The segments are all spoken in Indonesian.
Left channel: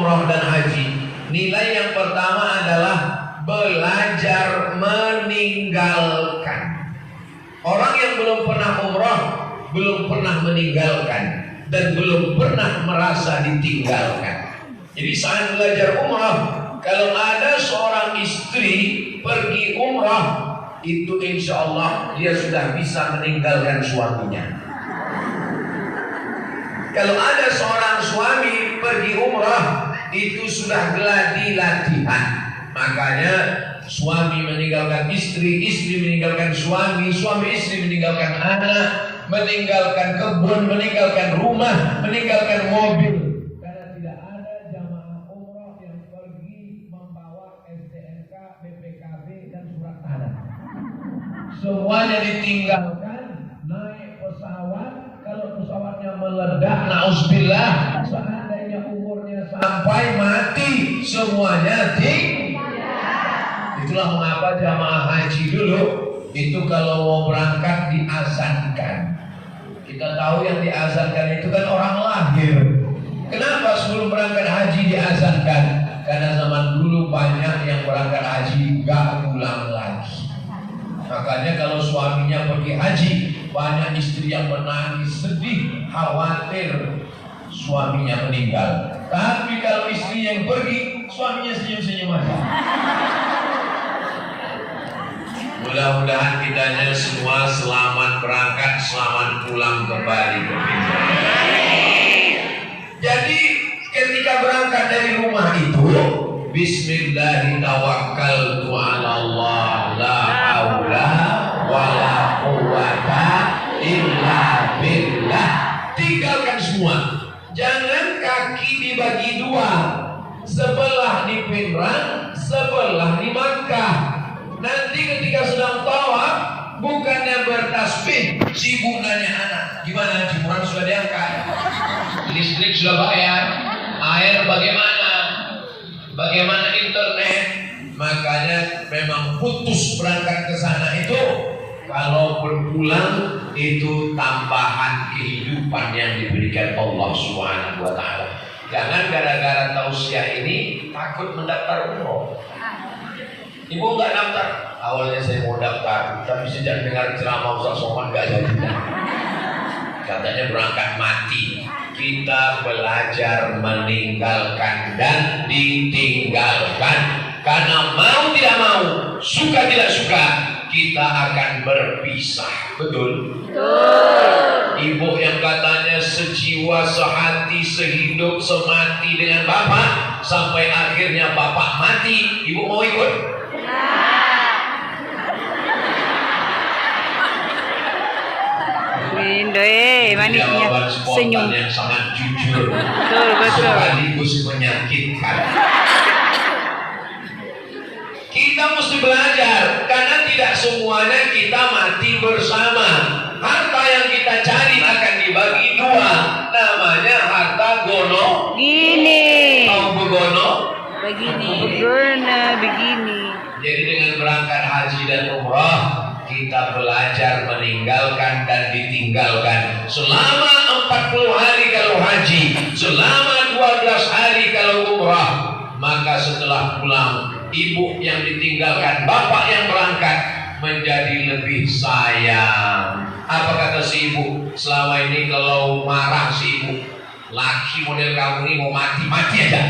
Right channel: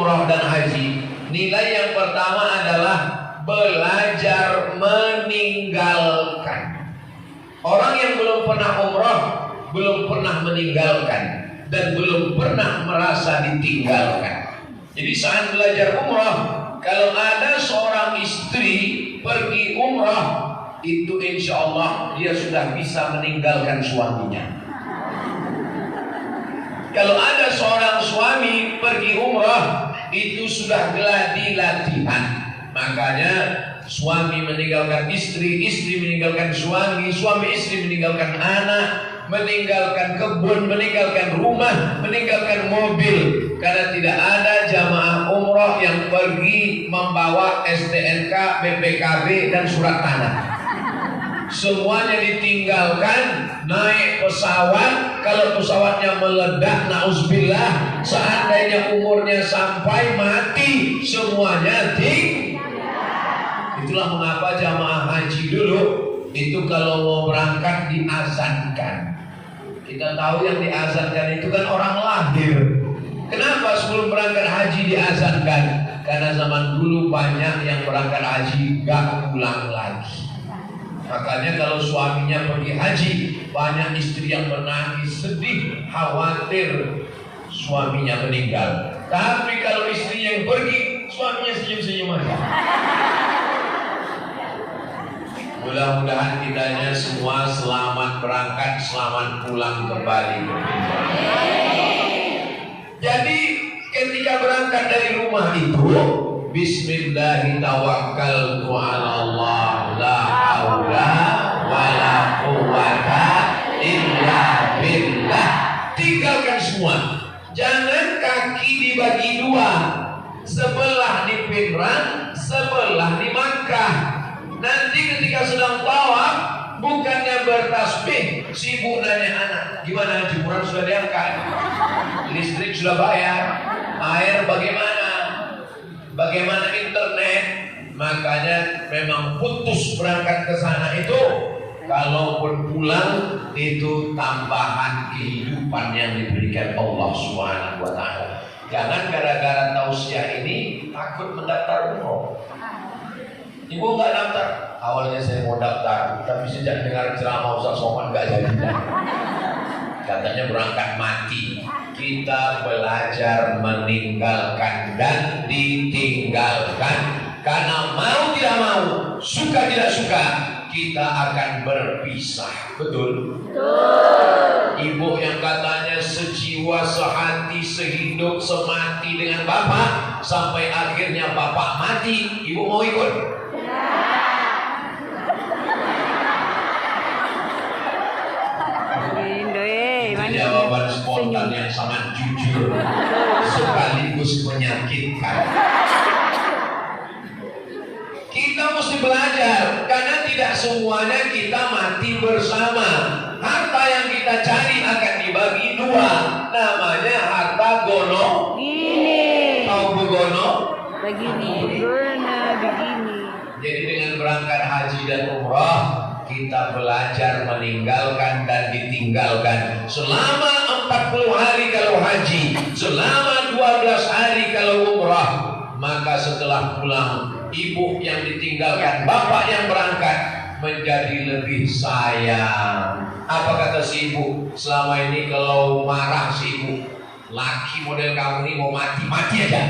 umroh dan haji, nilai yang pertama adalah belajar meninggalkan. Orang yang belum pernah umroh, belum pernah meninggalkan, dan belum pernah merasa ditinggalkan. Jadi saat belajar umroh, kalau ada seorang istri pergi umroh, itu insya Allah dia sudah bisa meninggalkan suaminya. Kalau ada seorang suami pergi umrah, itu sudah geladi latihan. Makanya suami meninggalkan istri, istri meninggalkan suami, suami istri meninggalkan anak, meninggalkan kebun, meninggalkan rumah, meninggalkan mobil. Karena tidak ada jamaah umrah yang pergi membawa STNK, BPKB dan surat tanah. Semuanya ditinggalkan. Naik pesawat, kalau pesawatnya meledak, nauzubillah, seandainya umurnya sampai mati, semuanya tinggal. Itulah mengapa jamaah haji dulu itu kalau mau berangkat diazankan. Kita tahu yang diazankan itu kan orang lahir. Kenapa sebelum berangkat haji diazankan? Karena zaman dulu banyak yang berangkat haji gak pulang lagi. Makanya kalau suaminya pergi haji, banyak istri yang menangis, sedih, khawatir suaminya meninggal. Tapi kalau istri yang pergi, suaminya senyum-senyum aja. Mudah-mudahan kitanya semua selamat berangkat, selamat pulang kembali ke Pinjai. Jadi ketika berangkat dari rumah itu, Bismillahirrahmanirrahim, la haula wala quwwata illa billah. Tinggalkan semua. Jangan kaki dibagi dua, sebelah di Pinrang, sebelah di Makkah. Nanti ketika sedang tawaf, bukannya bertasbih, sibuk nanya anak, gimana jemuran sudah diangkat, listrik sudah bayar, air bagaimana, bagaimana internet. Makanya memang putus berangkat ke sana itu, kalaupun pulang itu tambahan kehidupan yang diberikan Allah Subhanahu wa taala. Jangan gara-gara tausiah ini takut mendaftar umroh. Ibu nggak daftar? Awalnya saya mau daftar, tapi sejak dengar ceramah Ustaz Somad nggak jadi. Katanya berangkat mati. Kita belajar meninggalkan dan ditinggalkan. Karena mau tidak mau, suka tidak suka, kita akan berpisah. Betul? Betul. Ibu yang katanya sejiwa, sehati, sehidup, semati dengan bapak, sampai akhirnya bapak mati, ibu mau ikut? Ya. Manisnya senyum yang sangat jujur, sekaligus menyakitkan. Kita mesti belajar, karena tidak semuanya kita mati bersama. Harta yang kita cari akan dibagi dua, namanya harta gono gini. Tahu begono? Begini. Gono begini. Jadi dengan berangkat haji dan umrah, kita belajar meninggalkan dan ditinggalkan. Selama 40 hari kalau haji, selama 12 hari kalau umrah, maka setelah pulang, ibu yang ditinggalkan, bapak yang berangkat menjadi lebih sayang. Apa kata si ibu? Selama ini kalau marah si ibu, laki model kamu ini mau mati aja.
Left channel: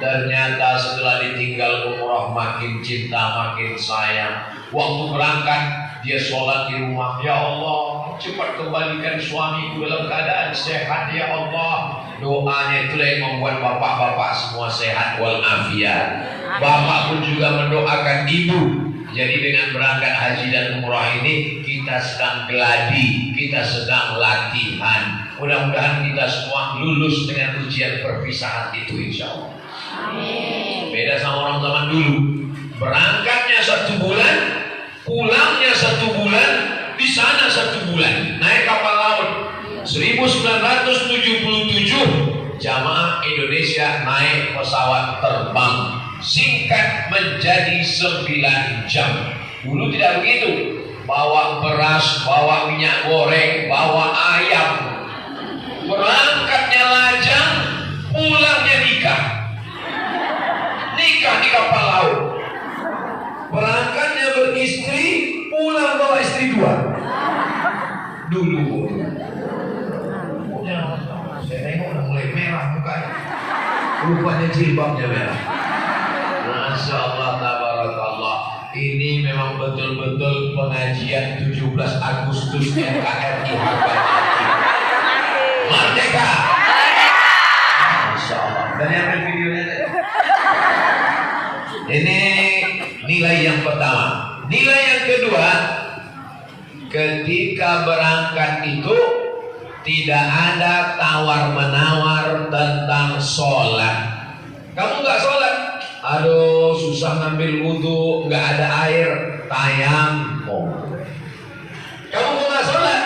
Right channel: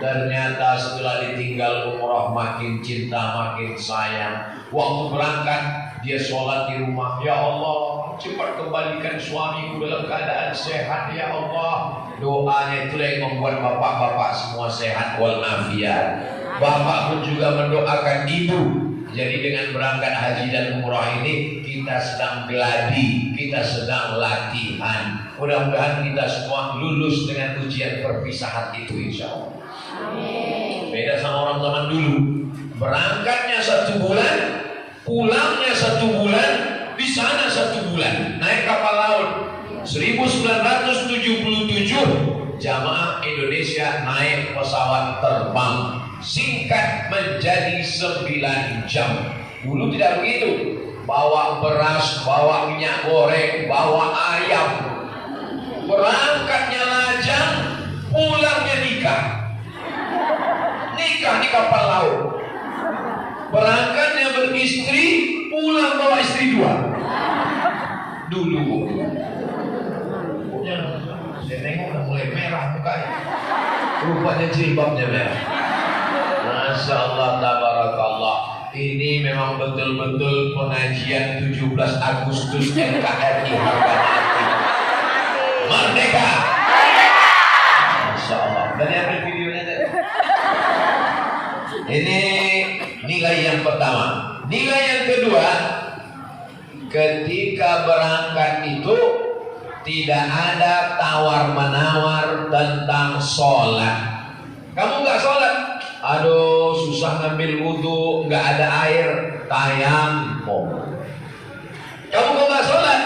Ternyata setelah ditinggal umrah makin cinta, makin sayang. Waktu berangkat dia sholat di rumah, ya Allah cepat kembalikan suamiku dalam keadaan sehat ya Allah. Doanya itulah yang membuat bapak-bapak semua sehat walafiat. Bapak pun juga mendoakan ibu. Jadi dengan berangkat haji dan umrah ini kita sedang geladi, kita sedang latihan. Mudah-mudahan kita semua lulus dengan ujian perpisahan itu insya Allah. Amin. Beda sama orang zaman dulu, berangkatnya 1 bulan, pulangnya 1 bulan, di sana 1 bulan, naik kapal laut. 1977 jamaah Indonesia naik pesawat terbang singkat menjadi 9 jam. Dulu tidak begitu, bawa beras, bawa minyak goreng, bawa ayam. Berangkatnya lajang, pulangnya nikah. nikah di kapal laut. Berangkatnya beristri, pulang bawa istri 2. Dulu. Saya nengok udah mulai merah mukanya. Rupanya jilbabnya merah. Masya Allah, tabarakallah. Ini memang betul-betul pengajian 17 Agustus NKRI harga mati. Merdeka. Masya Allah. Dan yang videonya tadi. Ini nilai yang pertama. Nilai yang kedua, ketika berangkat itu tidak ada tawar-menawar tentang sholat. Kamu nggak sholat? Aduh, susah ngambil wudhu, nggak ada air, tayamum. Kamu kok nggak sholat?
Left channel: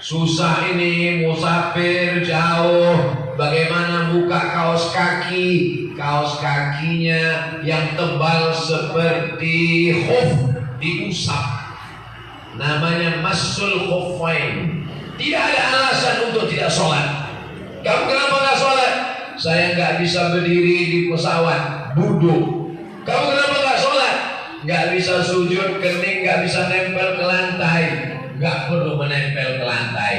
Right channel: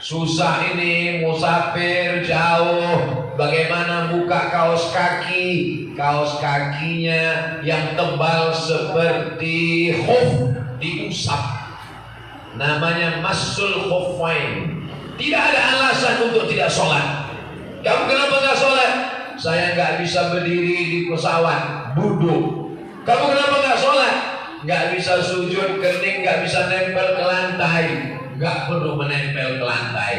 Susah ini, musafir jauh, bagaimana buka kaos kaki? Kaos kakinya yang tebal seperti khuf diusap, namanya masul khuffain. Tidak ada alasan untuk tidak sholat. Kamu kenapa nggak sholat? Saya nggak bisa berdiri di pesawat, duduk. Kamu kenapa nggak sholat? Nggak bisa sujud, kening nggak bisa nempel ke lantai. Nggak perlu menempel ke lantai.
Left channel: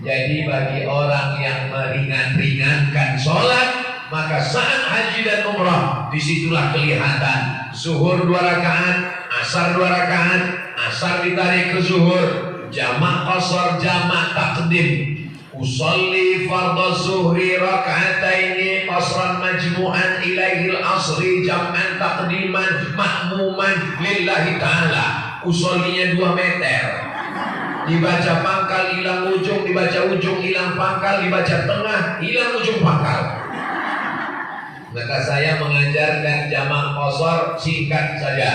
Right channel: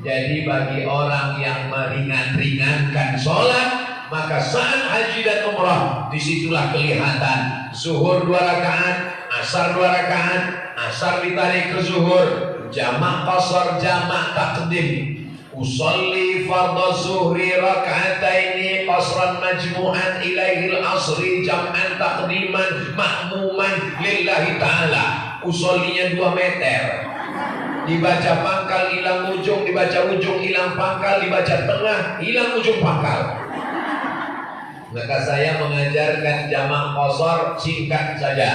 Jadi bagi orang yang meringan-ringankan sholat, maka saat haji dan umrah disitulah kelihatan. Zuhur 2 rakaat, asar 2 rakaat, asar ditarik ke zuhur, jamak qasar, jamak takdim. Usolli fardhu zuhri raka'ataini qasran majmu'an ilaihil asri jam'an taqdiman ma'muman lillahi ta'ala. Usollinya 2 meter, dibaca pangkal hilang ujung, dibaca ujung hilang pangkal, dibaca tengah hilang ujung pangkal. Maka saya mengajarkan jamak qasar singkat saja.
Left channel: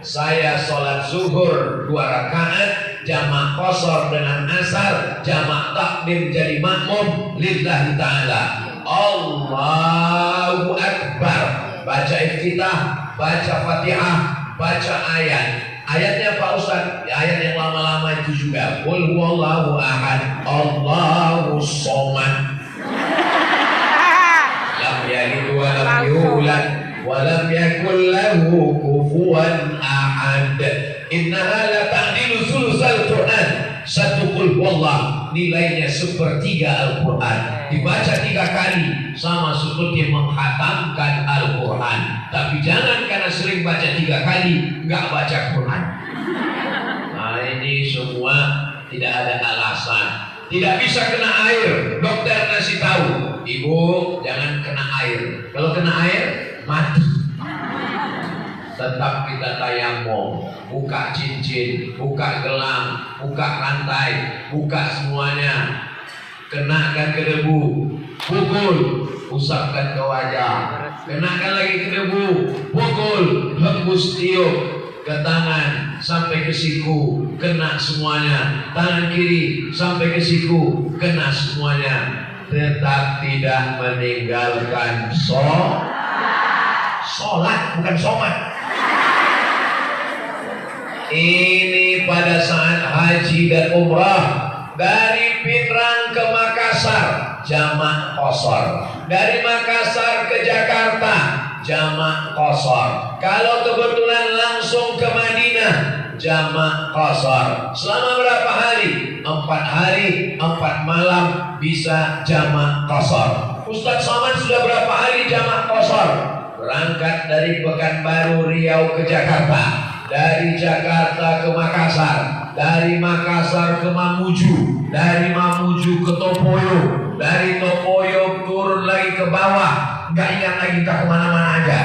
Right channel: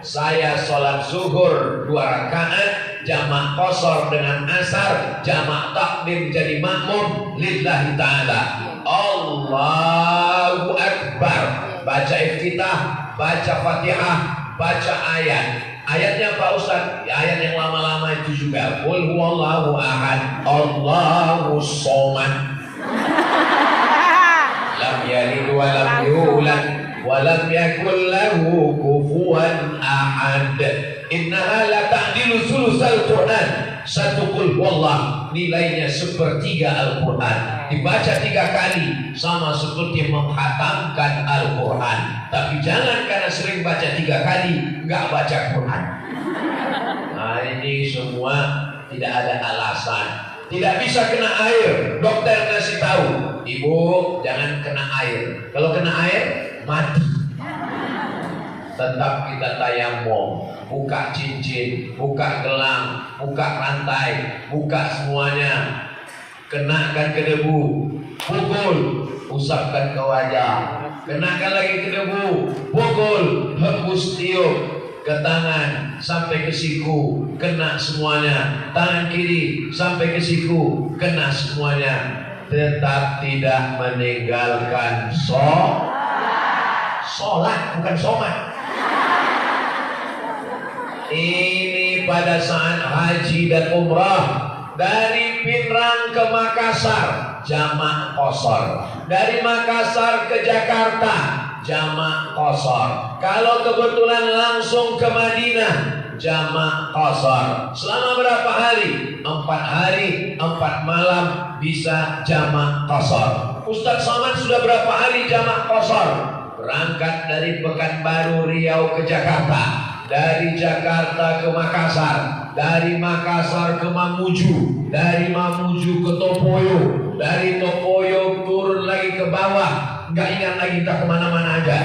Saya sholat zuhur 2 rakaat, jamak qasar dengan asar, jamak takdim jadi makmum lillahi ta'ala. Allahu Akbar. Baca iftitah, baca fatihah, baca ayat. Ayatnya Pak Ustaz, ayat yang lama-lama itu juga. Qul huwallahu ahad, Allahu somad. Lam yalid wa lam yulad walam yakul lahu kufuwan ahad. Innaha la ta'dilu sulusal Quran. 1 qul huwallah nilainya 1/3 Al-Quran. Dibaca 3 kali sama seperti menghatamkan Al-Quran. Tapi jangan karena sering baca 3 kali nggak baca Quran. Nah, ini semua tidak ada alasan. Tidak bisa kena air. Dokter ngasih tahu, ibu jangan kena air. Kalau kena air mati. Tetap kita tayamum, buka cincin, buka gelang, buka rantai, buka semuanya. Kenakan ke debu, pukul, usapkan ke wajah. Kenakan lagi ke debu, pukul, hembus tiup ke tangan sampai ke siku, kena semuanya. Tangan kiri sampai ke siku, kena semuanya. Tetap tidak meninggalkan sholat, bukan somat. Ini pada saat haji dan umrah. Dari Pinrang ke Makassar jamak qasar, dari Makassar ke Jakarta jamak qasar. Kalau kebetulan langsung ke Madinah jamak qasar. Selama berapa hari? 4 hari 4 malam bisa jamak qasar. Ustaz Somad sudah berapa hari jamak qasar? Berangkat dari Pekanbaru Riau ke Jakarta, dari Jakarta ke Makassar, dari Makassar ke Mamuju, dari Mamuju ke Topoyo, dari Topoyo turun lagi ke bawah, nggak ingat lagi kita kemana-mana aja.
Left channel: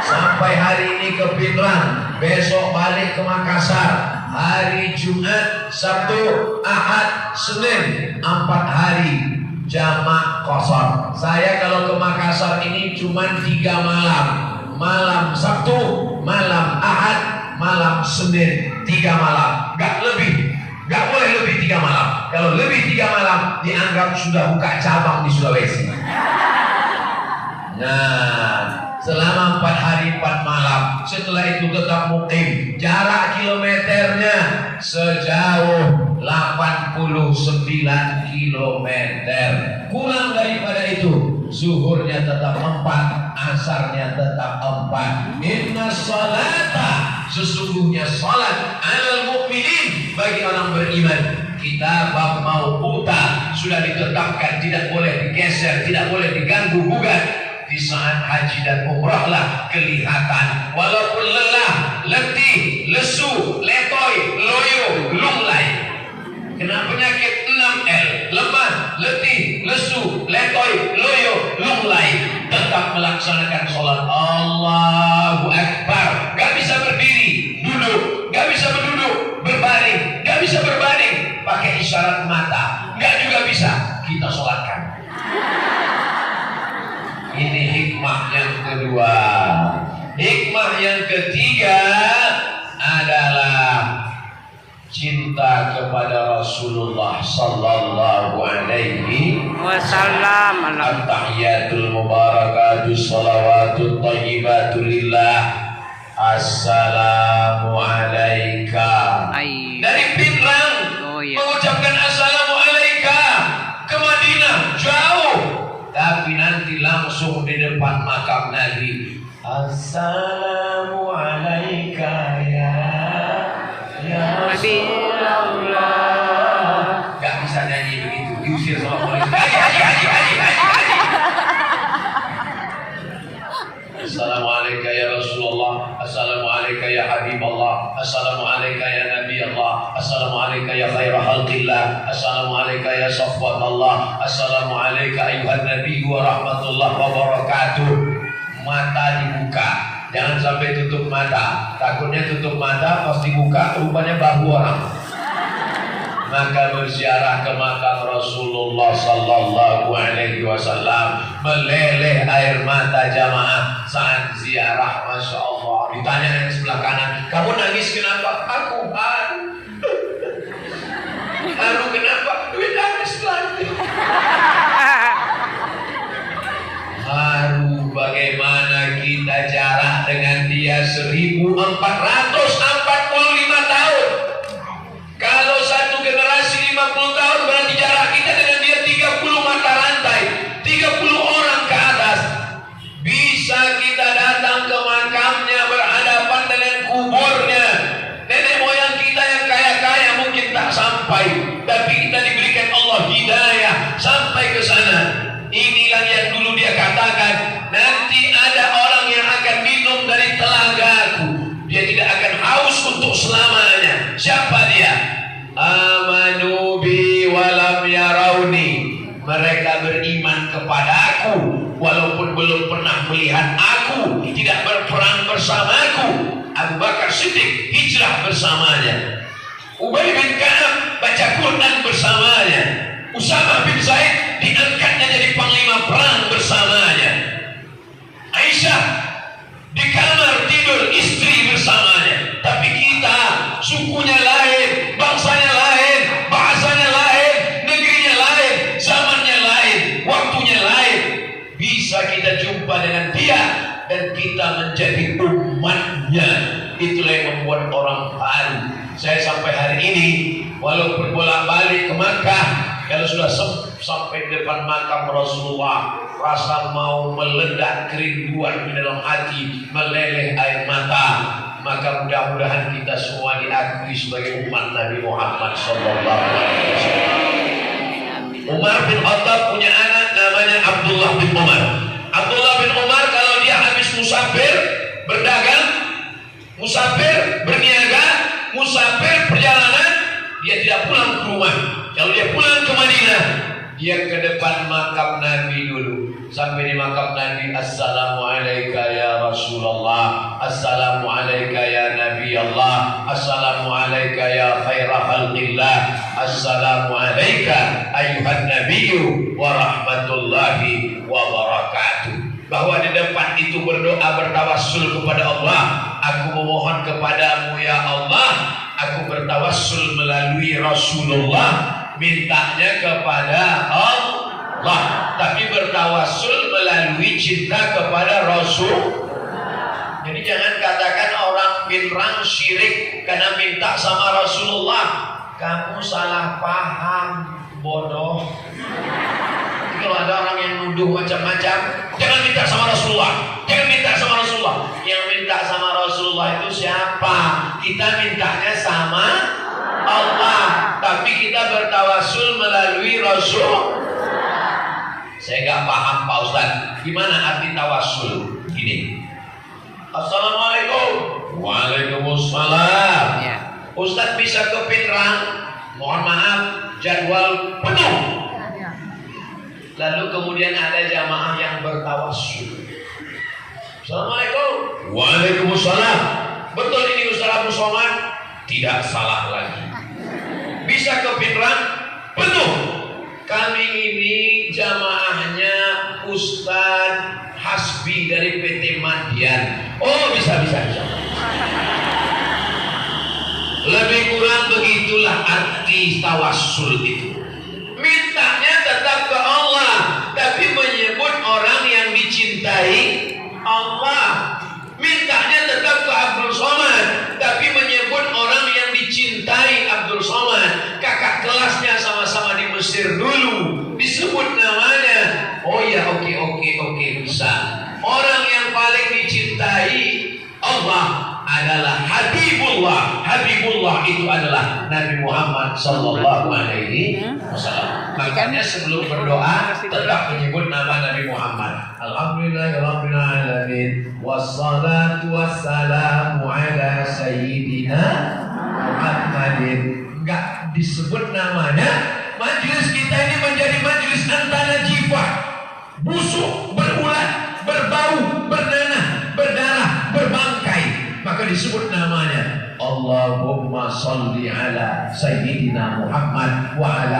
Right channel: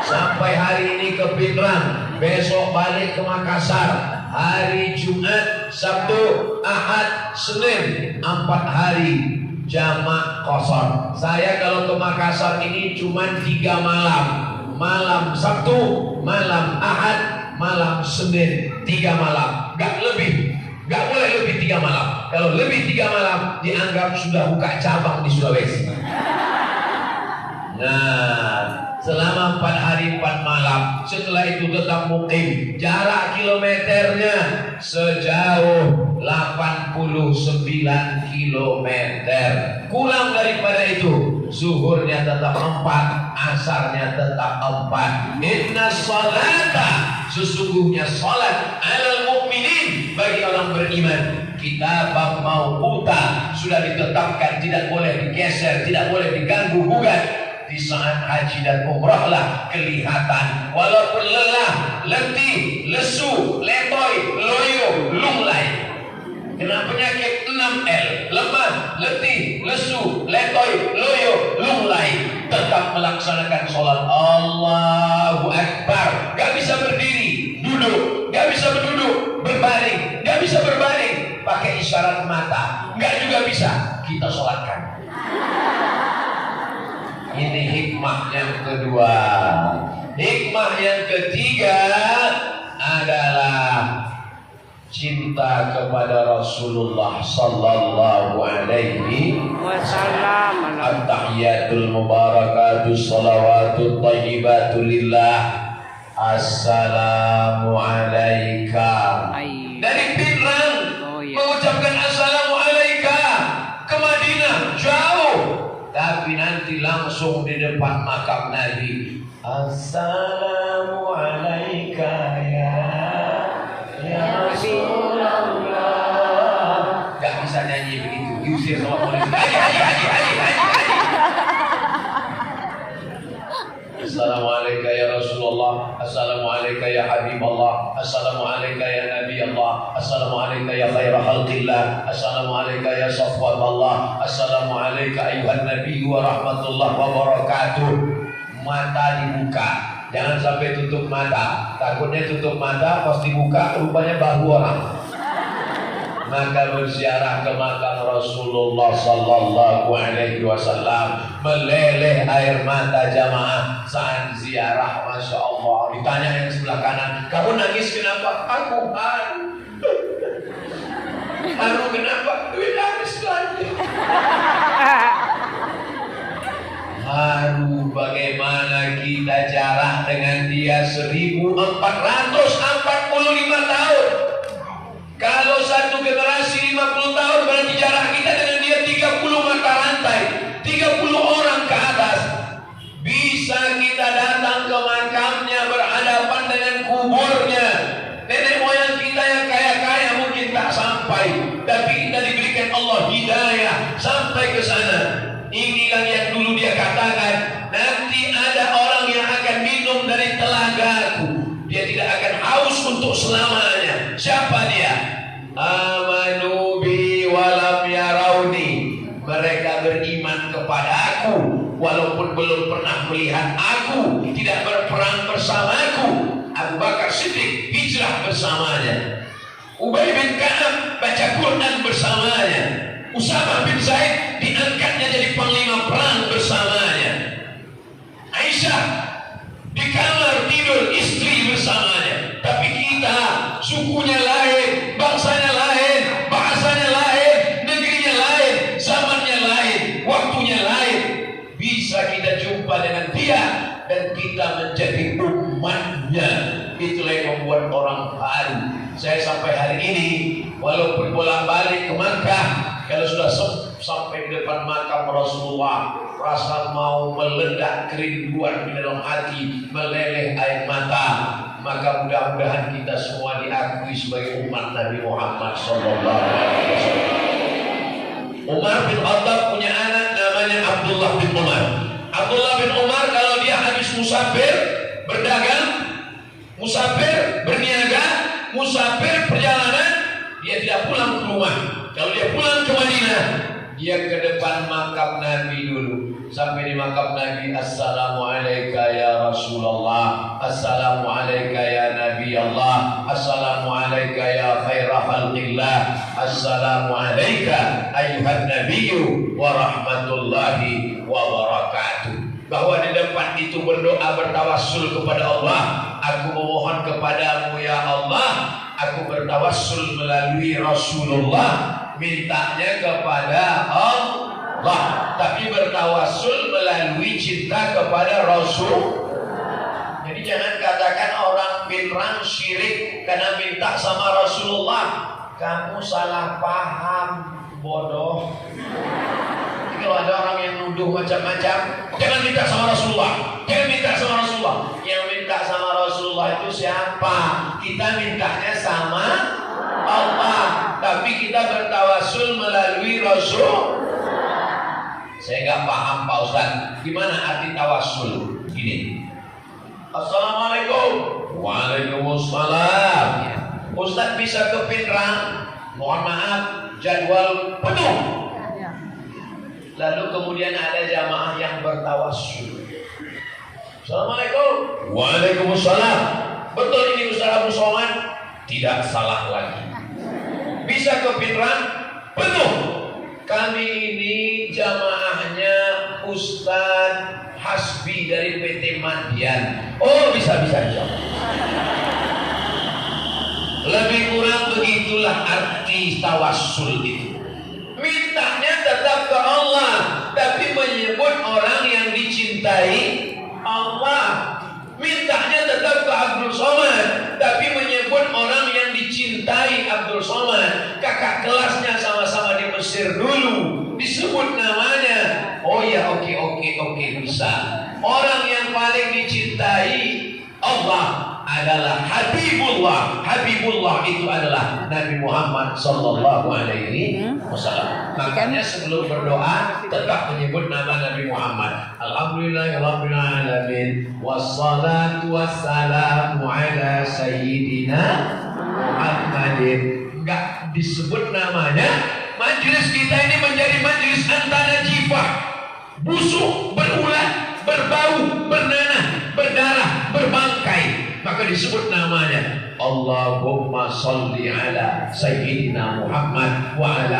Sampai hari ini ke Pinrang, besok balik ke Makassar. Hari Jumat, Sabtu, Ahad, Senin, 4 hari jamak qasar. Saya kalau ke Makassar ini cuma 3 malam. Malam Sabtu, malam Ahad, malam Senin, 3 malam, nggak lebih, nggak boleh lebih 3 malam. Kalau lebih 3 malam dianggap sudah buka cabang di Sulawesi. Nah, selama 4 hari 4 malam, setelah itu tetap mukim. Jarak kilometernya sejauh 89 kilometer. Kurang daripada itu, zuhurnya tetap 4, asarnya tetap 4. Inna salata, sesungguhnya salat, alal mu'minin, bagi orang beriman. Kita bab mauquta, sudah ditetapkan, tidak boleh digeser, tidak boleh diganggu gugat. Di saat haji dan umrah lah kelihatan, walaupun lelah, letih, lesu, letoy, loyo, lunglai, kena penyakit 6L, lemah, letih, lesu, letoy, loyo, lunglai, tetap melaksanakan sholat. Allahu Akbar. Gak bisa berdiri, duduk, gak bisa berduduk, berbaring, gak bisa berbaring, pakai isyarat mata, gak juga bisa, kita sholatkan. Ini hikmah yang kedua. Hikmah yang ketiga adalah cinta kepada Rasulullah sallallahu alaihi wasallam. At-tahiyatul mubarakatuh salawatut thayyibatu lillah. Assalamu alayka. Dari Pinrang mengucapkan assalamu alayka ke Madinah jauh, tapi nanti langsung di depan makam Nabi. Assalamu alayka ya Rasulullah. Gak bisa nyanyi begitu, diusir sama polisi. Haji. Assalamualaikum ya Rasulullah. Assalamualaikum ya Habibullah. Assalamualaikum ya Nabi Allah. Assalamualaikum ya khaira khalqillah. Assalamualaikum ya safwatullah. Assalamualaikum ayuhan Nabi wa rahmatullah wa barakatuh. Mata dibuka, jangan sampai tutup mata. Takutnya tutup mata pas dibuka rupanya bahu orang. Maka berziarah ke makam Rasulullah sallallahu alaihi wasallam, meleleh air mata jamaah saat ziarah. Masya Allah. Ditanya yang sebelah kanan, kamu nangis kenapa? Aku haru. Haru kenapa? Nangis lagi. Haru bagaimana kita jarak dengan dia 1445 tahun. Kalau satu generasi 50 tahun, berarti jarak kita dengan dia 30 mata rantai, 30 orang ke atas. Bisa kita datang ke makamnya, berhadapan dengan kuburnya. Nenek moyang kita yang kaya-kaya mungkin tak sampai, tapi kita diberikan Allah hidayah sampai ke sana. Inilah yang dulu dia katakan, nanti ada orang yang akan minum dari telagaku, dia tidak akan haus untuk selamanya. Siapa dia? Amanu bi walam yarauni. Mereka beriman kepadaku walaupun belum pernah melihat aku, tidak berperang bersamaku. Abu Bakar Siddiq hijrah bersamanya, Ubay bin Ka'ab baca Quran bersamanya, Usamah bin Zaid diangkatnya jadi panglima perang bersamanya, Aisyah di kamar tidur istri bersamanya. Tapi kita sukunya lain, bangsanya lain, bahasanya lain, negerinya lain, zamannya lain, waktunya lain. Bisa kita jumpa dengan dia dan kita menjadi umatnya. Itulah yang membuat orang haru. Saya sampai hari ini walaupun bolak-balik ke Makkah, kalau sudah sampai di depan makam Rasulullah, rasa mau meledak kerinduan di dalam hati, meleleh air mata. Maka mudah-mudahan kita semua diakui sebagai umat Nabi Muhammad SAW. Umar bin Khattab punya anak namanya Abdullah bin Umar. Abdullah bin Umar kalau dia habis musafir berdagang, musafir berniaga, musafir perjalanan, dia tidak pulang ke rumah. Kalau dia pulang ke Madinah, dia ke depan makam Nabi dulu. Sampai di makam Nabi, Assalamualaikum ya Rasulullah, Assalamualaikum ya Nabi Allah, Assalamualaikum ya khaira khalqillah, Assalamualaikum ayuhan Nabiyyu wa rahmatullahi wa barakatuh. Bahwa di depan itu berdoa bertawassul kepada Allah. Aku memohon kepadamu ya Allah, aku bertawassul melalui Rasulullah, mintanya kepada Allah, tapi bertawassul melalui cinta kepada Rasul. Jadi jangan katakan orang Pinrang syirik karena minta sama Rasulullah. Kamu salah paham, bodoh. Kalau ada orang yang nuduh macam-macam, jangan minta sama Rasulullah. perintahnya sama Allah, tapi kita bertawasul melalui Rasul. Saya nggak paham Pak Ustadz, gimana arti tawasul? Gini, Assalamualaikum. Waalaikumsalam. Ustadz bisa ke Pinrang, mohon maaf jadwal penuh. Lalu kemudian ada jamaah yang bertawasul. Assalamualaikum. Waalaikumsalam. Betul ini Ustaz Abu Somad? Tidak salah lagi. Bisa ke Pinrang penuh. Kami ini jamaahnya Ustadz Hasbi dari PT Madian. Oh bisa. Lebih kurang begitulah arti tawassul itu. Mintanya tetap ke Allah, tapi menyebut orang yang dicintai Allah. Mintanya tetap ke Abdul Somad, tapi menyebut orang yang dicintai Abdul Somad. Kakak kelasnya sama-sama di Mesir dulu, disebut namanya. Oh ya, oke, bisa. Orang yang paling dicintai Allah adalah Habibullah. Habibullah itu adalah Nabi Muhammad sallallahu alaihi wasallam. Makanya sebelum berdoa tetap menyebut nama Nabi Muhammad. Alhamdulillahirabbil alamin wassalatu wassalamu ala sayyidina Muhammadin. Enggak disebut namanya. Majelis kita ini menjadi majelis antara jifah, busuk, berulat, berbau, bernanah, berdarah, berbangkai. Maka disebut namanya Allahumma salli ala sayyidina Muhammad wa ala